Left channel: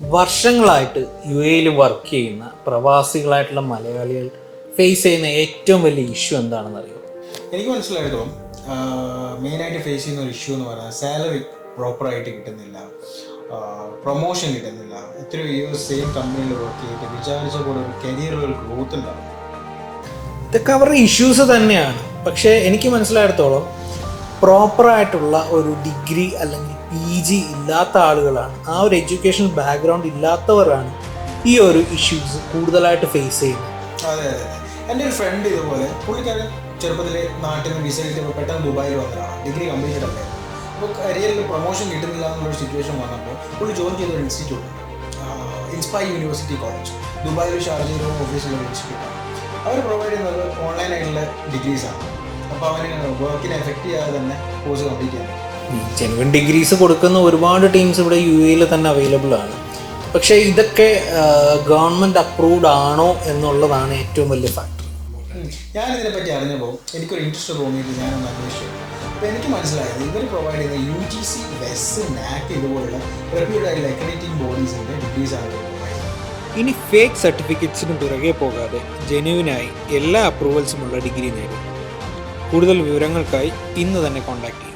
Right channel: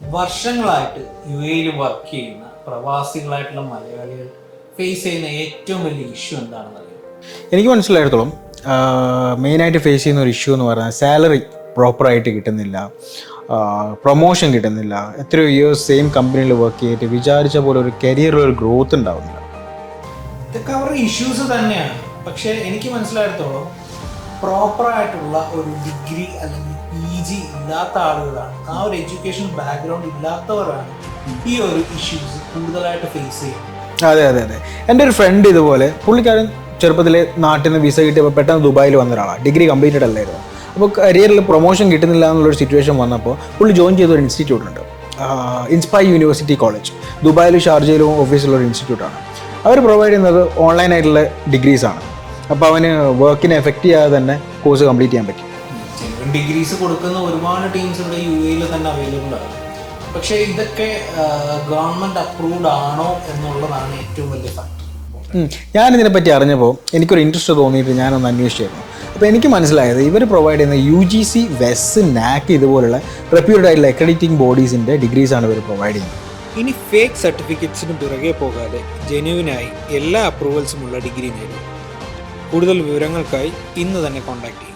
വർഷങ്ങളായിട്ട് UAE work ചെയ്യുന്ന പ്രവാസികളായിട്ടുള്ള മലയാളികൾ ഫേസ് ചെയ്യുന്ന ഏറ്റവും വലിയ ഇഷ്യൂ എന്താണെന്ന് അറിയാം? എനിക്ക് മനസ്സിലായിടത്തോളം മെയിനായിട്ട് ഫേസ് ചെയ്യുന്ന ഒരു ഇഷ്യൂ എന്ന് പറഞ്ഞാൽ സാലറി പ്രോപ്പറായിട്ട് കിട്ടുന്നില്ല, പ്രൊമോഷൻ കിട്ടുന്നില്ല, എത്രയോ ഇയേഴ്സ് സെയിം കമ്പനിയിൽ വർക്ക് ചെയ്തിട്ട് വിചാരിച്ച പോലെ ഒരു കരിയറിൽ ഒരു ഗ്രോത്ത് ഉണ്ടാവുന്നില്ല. ഇതൊക്കെ അവരുടെ ഇഷ്യൂസ് തന്നെയാണ്. പക്ഷേ എനിക്ക് മനസ്സിലായിടത്തോളം പ്രോപ്പറായിട്ടുള്ള ഒരു ഡിഗ്രി അല്ലെങ്കിൽ PG ഇല്ലാത്ത ആളുകളാണ്, ആ ഒരു എഡ്യൂക്കേഷൻ ബാക്ക്ഗ്രൗണ്ട് ഇല്ലാത്തവരാണ് ഈ ഒരു ഇഷ്യൂസ് കൂടുതലായിട്ട് ഫേസ് ചെയ്യുന്നത്. അതെ അതെ അതെ എൻ്റെ ഒരു ഫ്രണ്ട് ഇതുപോലെ, പുള്ളിക്കാരൻ ചെറുപ്പത്തിൽ നാട്ടിൽ നിന്ന് വിസ കിട്ടിയപ്പോൾ പെട്ടെന്ന് ദുബായിൽ വന്ന ഒരാളാണ്, ഡിഗ്രി കംപ്ലീറ്റഡ് അല്ലായിരുന്നു. അപ്പോൾ കരിയറിൽ പ്രൊമോഷൻ കിട്ടുന്നില്ല എന്നുള്ളൊരു സിറ്റുവേഷൻ വന്നപ്പോൾ പുള്ളി ജോയിൻ ചെയ്ത ഒരു ഇൻസ്റ്റിറ്റ്യൂട്ട് ഉണ്ട്, ഇൻസ്പയർ യൂണിവേഴ്സിറ്റി കോളേജ്, ദുബായിലും ഷാർജയിലും ഓഫീസിലുള്ള ഒരു ഇൻസ്റ്റിറ്റ്യൂട്ടാണ്. അവർ പ്രൊവൈഡ് ചെയ്യുന്നത് ഓൺലൈനായിട്ടുള്ള ഡിഗ്രീസാണ്. അപ്പോൾ അവന് വർക്കിനെ എഫക്റ്റ് ചെയ്യാതെ തന്നെ കോഴ്സ് കംപ്ലീറ്റ് ചെയ്യാൻ പറ്റും. ജെനുവിൻ ഡിഗ്രീസ് കൊടുക്കുന്ന ഒരുപാട് ടീംസ് ഇവിടെ UAE തന്നെ അവൈലബിൾ ആണ്. പക്ഷേ ഇതൊക്കെ ഗവൺമെൻറ് അപ്രൂവ്ഡ് ആണോ എന്നുള്ളതാണ് ഏറ്റവും വലിയ ഫാക്ടർ. ഞാനിതിനെപ്പറ്റി അറിഞ്ഞപ്പോൾ എനിക്കൊരു ഇൻട്രസ്റ്റ് തോന്നിയിട്ട് ഞാനൊന്ന് അന്വേഷിച്ചിരുന്നു. അപ്പോൾ എനിക്ക് മനസ്സിലായത് ഇവർ പ്രൊവൈഡ് ചെയ്യുന്ന UGC, WES, NAC ഇതുപോലുള്ള റെപ്യൂട്ടഡ് ആയിട്ടുള്ള അക്രഡിറ്റിംഗ് ബോഡീസിൻ്റെ ഡിഗ്രീസാണ് ഇവർ പ്രൊവൈഡ് ചെയ്യുന്നത്. ഇനി ഫേക്ക് സർട്ടിഫിക്കറ്റ്സിന് പിറകെ പോകാതെ ജെന്യുവിനായി എല്ലാ അപ്രൂവൽസുമുള്ള ഡിഗ്രി നേടും. കൂടുതൽ വിവരങ്ങൾക്കായി ഇന്ന് തന്നെ കോൺടാക്ട് ചെയ്യും.